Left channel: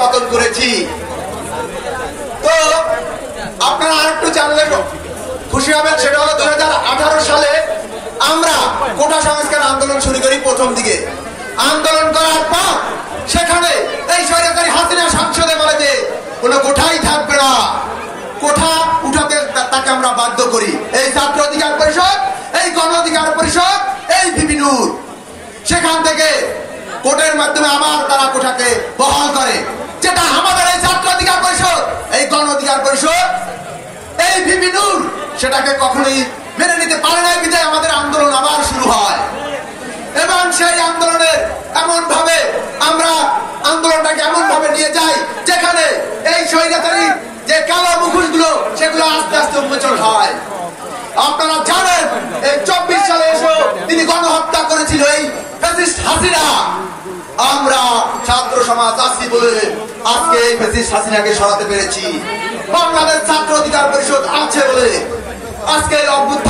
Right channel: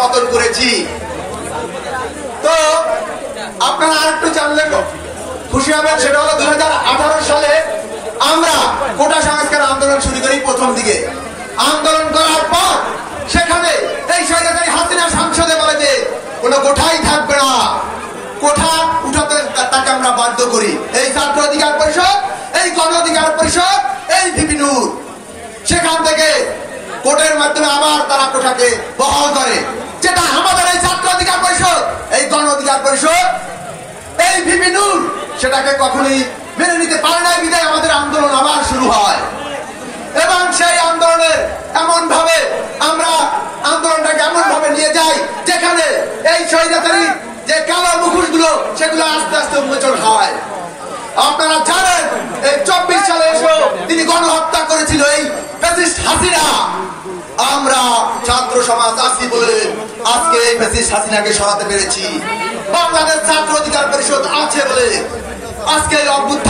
পতন করেছি। তো আপনারা আরেকটু জানলে খুশি হবেন, সেটা হলো 2018 সালে আমরা কোটা সংস্কার আন্দোলন শুরু করি। প্রথম দিকে আন্দোলন করার পর সেখানে এই স্বৈরাচারী হাসিনা সংসদে বলে যে কোনো কোঠাই থাকবে না, কোঠা উঠাতে তাকে আমরা বাধ্য করি। এই ছাত্র অধিকার পরিষদ, এই গণ অধিকার পরিষদ, এই বিভিন্ন সেখান থেকে কোর্টের মাধ্যমে আবার তারা কোঠাকে বহাল করে, যেটা আমাদের এই ছাত্র অধিকার পরিষদ, এই গণ অধিকার পরিষদ, এই বিভিন্ন সেটাকে কখনোই মেনে নিতে পারে না। বিধায় আমাদের আন্দোলন আবার শুরু হয় এবং সেই আন্দোলনের এমন ভাবে আমরা আন্দোলনটাকে এমন ভাবে নিয়ে যাই যেখানে এই স্বৈরাচারী যে কালো মুখোশগুলো সেগুলো আস্তে আস্তে উন্মোচন হয়। আপনারা জানেন এই 24 সালে এসে তিনি গণহত্যা করেছিল এই ফ্যাসিস্ট হাসিনা। আমরা ছাত্র সমাজ আছি বলে আজকে এই ফ্যাসিস্ট হাসিনাকে সরাতে পেরেছি। বাংলাদেশ ছাত্র অধিকার পরিষদ আছে বলে আজকে এই অভ্যুত্থান